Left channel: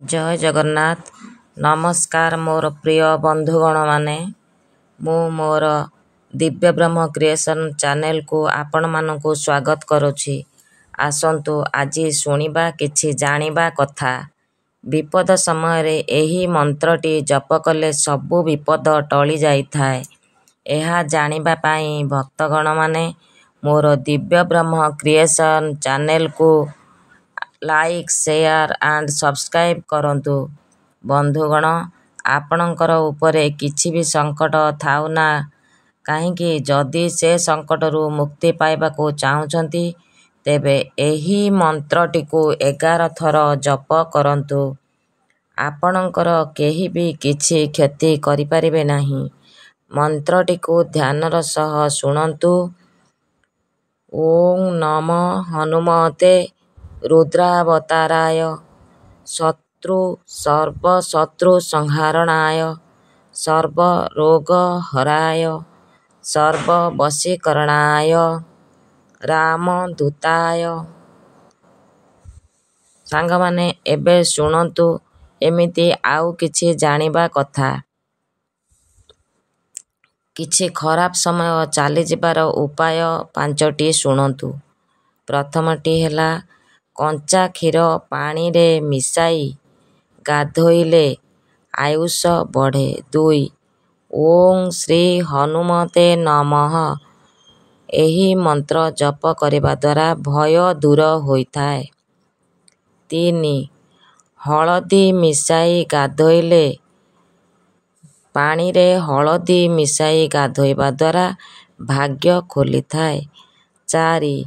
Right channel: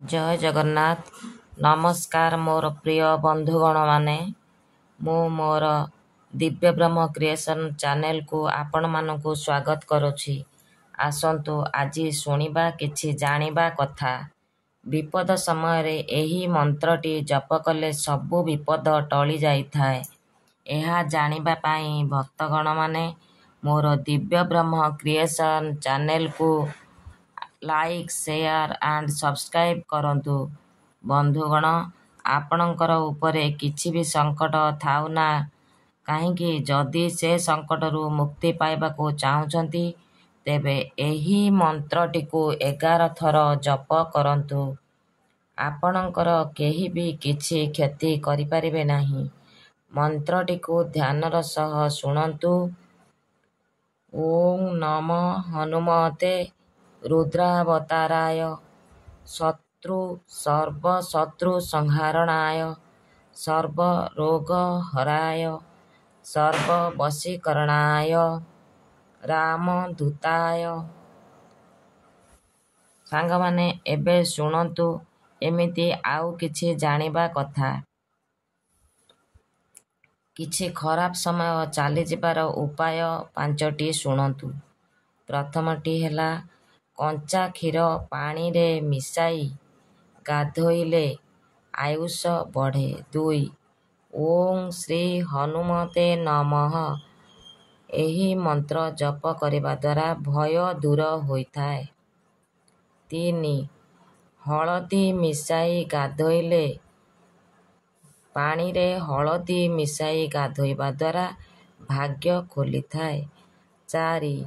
जय जगन्नाथ। नमस्कार मोर प्रिय बंधुगण माने, मु मोर दिव्य ब्रह्म क्रिएशन चैनल को आपण मानकु स्वागत करुछि। आसंतु आजी शुणिबा किछि जानिबा कथा। विपद समय रे एही मंत्रटी जप कले सबु विपद टळी जाइथाय। एहा जानिबा पाई भक्तगण माने मोर दिव्य ब्रह्म क्रिएशन चैनल को लाइक शेयर एंड सब्सक्राइब करंतु। बंधुगण, आपणकर उपरे किछि भी संकट थाउ ना काहींकि जदि से संकटरू मुक्ति पाइबाकू चाहुचंती तेबे एही मंत्रटीकू 11 थर जप करंतु। आपणकर केही भी किछि क्षति करिपारिबे नाही। मंत्रटीकू ध्यानर सह शुणंतु। ओं नमो हनुमते रुद्रावताराय सर्वशत्रु संहारणाय सर्वरोगहराय सर्ववशीकरणाय रामदूताय। सांगमाने एबे शुणंतु एमिति आउ किछि जानिबा कथा। किछि खराब समय चाली जिबार उपाय 5टी शुणंतु। प्रथमटी हेला कंचा क्षीर पानी रे मिसाई गाधोइले आयुष बढ़े। 2 ओं श्री हनुमते नमः एही मंत्र जप करिबा द्वारा भय दूर होइथाय। 3 हळदी मिसाई गाधोइले पानी रे हळदी मिसाई गाधोइबा द्वारा भाग्य खोलिथाय। 4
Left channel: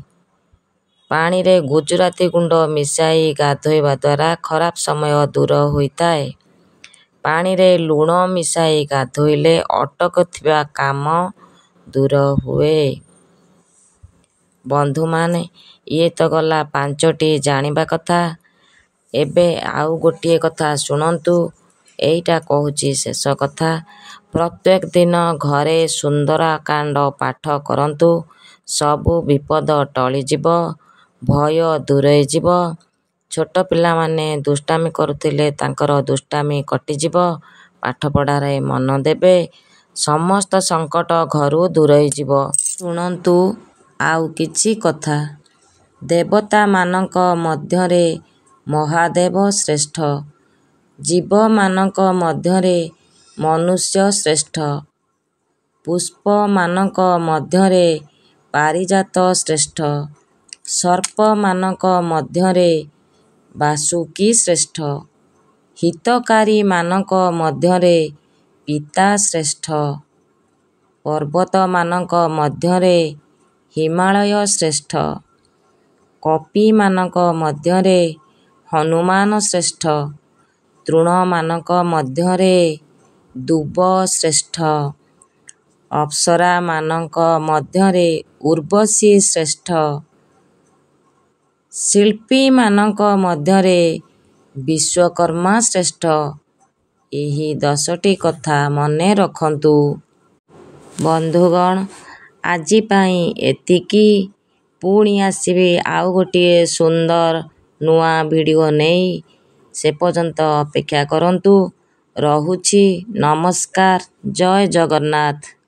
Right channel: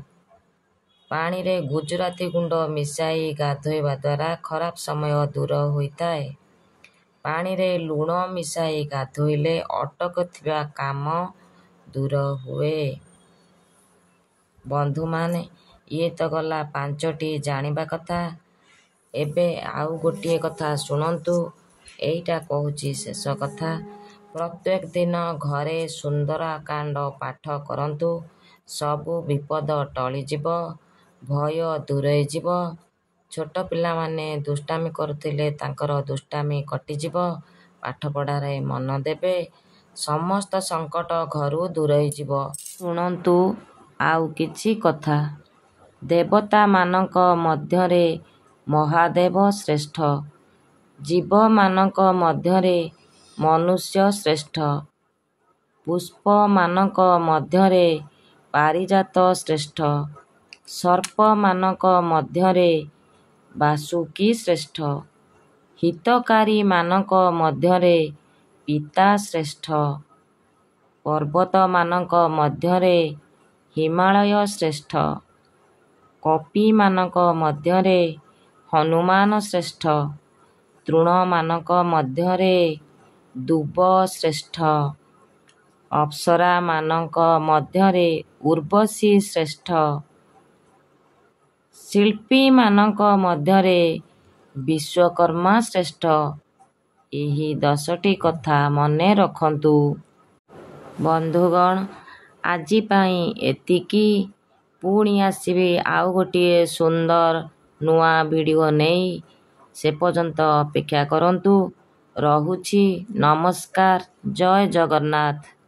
पानी रे गुजराती गुंड मिसाई गाधोइबा द्वारा खराब समय दूर होइथाय। पानी रे लूण मिसाई गाधोइले अटक थिबा काम दूर हुए। बंधु माने ये तो गला 5टी जानिबा कथा। एबे आउ गोटिए कथा शुणंतु। एइटा कहूची शेष कथा। प्रत्येक दिन घरे सुंदराकांड पाठ करंतु। सबु विपद टळी जिव, भय दूरै जिव। छोट पिला माने दुष्टामी करुथिले तांकर दुष्टामी कटिजिव। पाठ पढ़ारे मन देबे, समस्त संकट घरु दूरै जिव। शुणंतु आउ किछि कथा। देवता मानक मध्यरे महादेव श्रेष्ठ, जीव मानक मध्यरे मनुष्य श्रेष्ठ, पुष्प मानक मध्यरे पारिजात श्रेष्ठ, सर्प मानक मध्यरे बासुकी श्रेष्ठ, हितकारी मानक मध्यरे पिता श्रेष्ठ, पर्वत मानक मध्यरे हिमालय श्रेष्ठ, कपि मानक मध्यरे हनुमान श्रेष्ठ, तृण मानक मध्यरे दुब श्रेष्ठ, अप्सरा मानक मध्यरे उर्वशी श्रेष्ठ, शिल्पी मानक मध्यरे विश्वकर्मा श्रेष्ठ। एही 10टी कथा मने रखंतु। बंधुगण, आजी पाई एतिकी। पुणी आसीबी आउ गोटिए सुंदर नुआ वीडियो नेई। से पर्यंत अपेक्षा करंतु। रहुछि। नमस्कार। जय जगन्नाथ।